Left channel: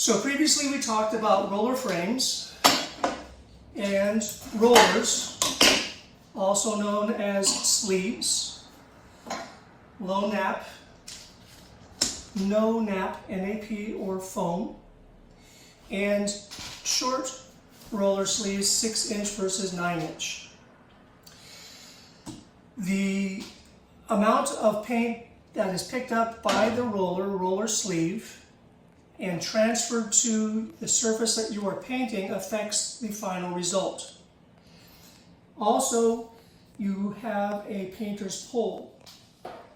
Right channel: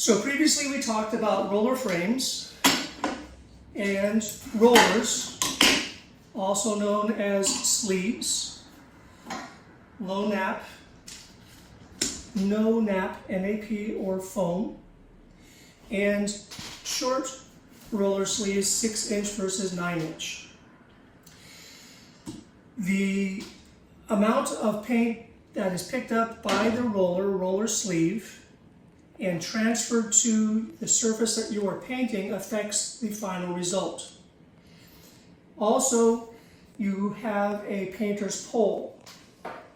So previously we talked about roller frames and rollers, also known as sleeves, low nap, no nap, NAP or foam, and short roller sleeves, 6-inch versus 9-inch. The amount of paint that is picked up by the roller sleeve, and transferred to the surface that you are painting affects the final result. Also, you have a painter's pole.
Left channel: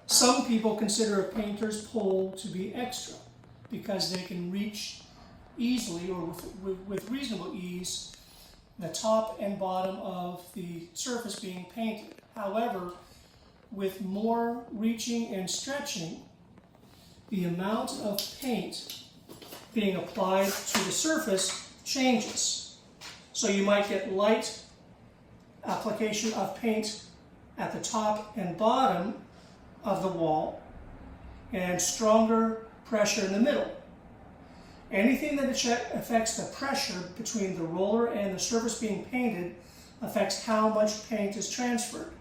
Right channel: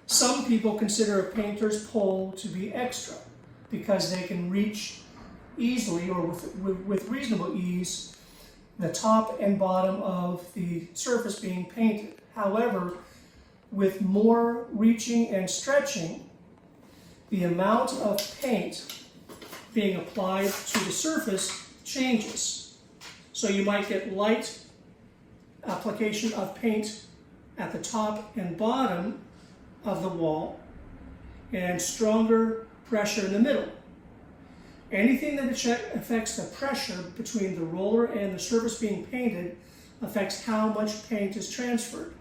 Some people consider a painter's pole to be extra because they can reach easily or with reasonable ease the top and bottom of the surface being painted. However, with more reaching and stretching, the amount of paint being applied to the surface changes. So you might get light application of paint at the top and bottom of the wall and stronger pressure in the middle. Anything that affects the pressure between the roller and the surface being painted affects how much paint is transferred.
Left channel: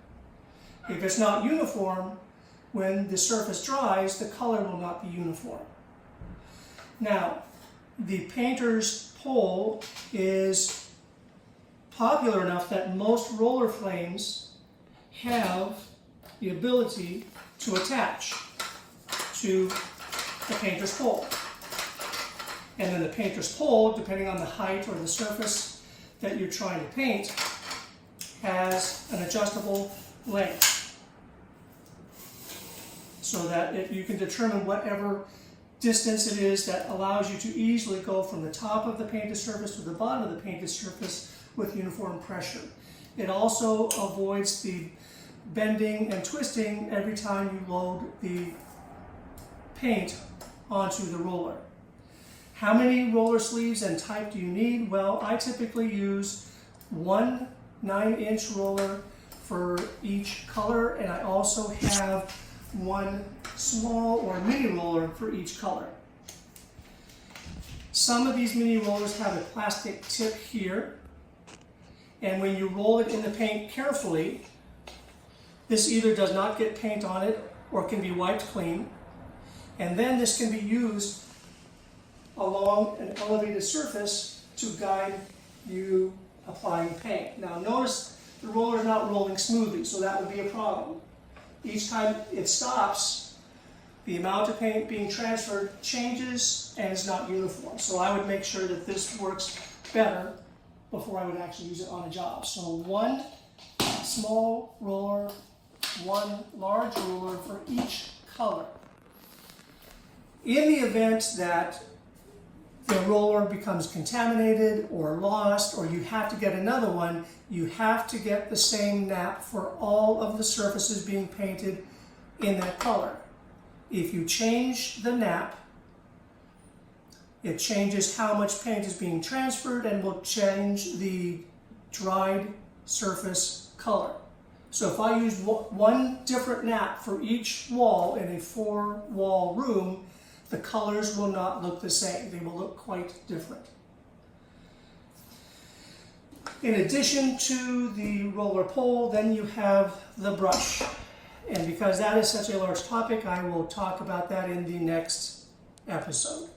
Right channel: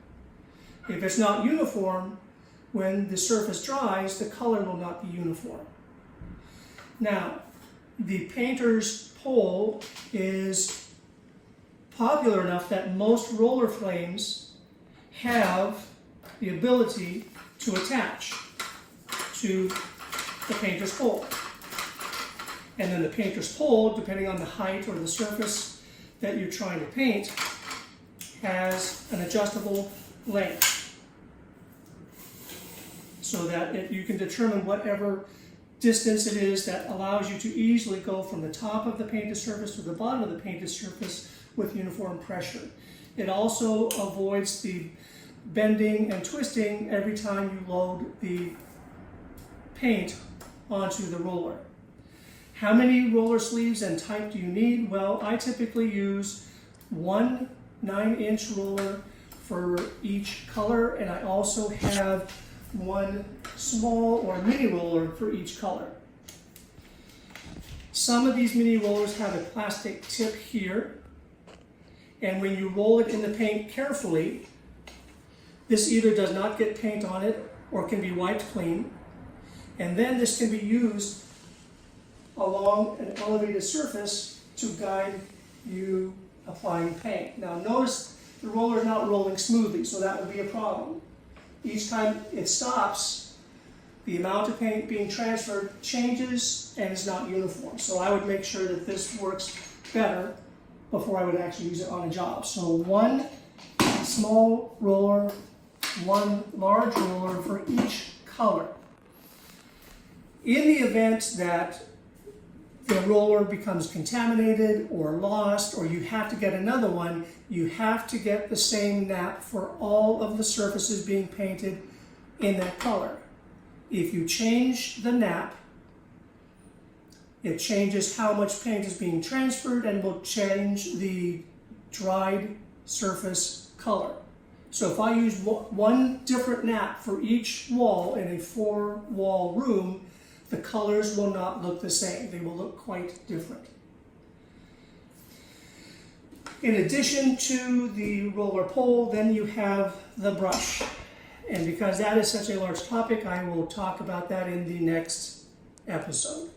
If it's not uniform, when the surface dries, the color will not be uniform. Now, the painter's pole is popular enough that most roller frames have the ability to attach to the painter's pole. And then the painter's pole, depending on the height or the surface that you're trying to paint, has an adjustable length so that you can determine whatever distance it is that allows you to easily go from the top of the painted surface to the bottom of the painted surface with uniform pressure. It also avoids the bending and twisting every time you load the paint onto the roller. How many roller sleeves and type do you need? Well, I typically use one 9-inch roller for each color, and I also have one small or mini roller for each color. Some of these mini rollers have a plastic tip here, and when you roll it in the paint carefully, this either does not get paint on it or can be wiped clean, and then this can be used along an elevated surface to guide you applying paint. Now notice the roller is not rolling smoothly, so that would be a problem. Each time it stops, the amount of paint being transferred changes and is not uniform. So I would make sure that this works better before I would actually use it on a job. So one small roller, one large roller for each color. In the event that the roller becomes contaminated or lost, or you have to get another one, you have to get the same nap for all of the surfaces being painted in that color. If you change the nap, it changes how much paint is being transferred and will change the dried surface color. So if I use one different nap for each wall in a 4-wall room, the colors will not look the same. They will look quite different. In addition to the roller pole, then you have the brush. And because that is such a large topic, I will talk about that in the next episode.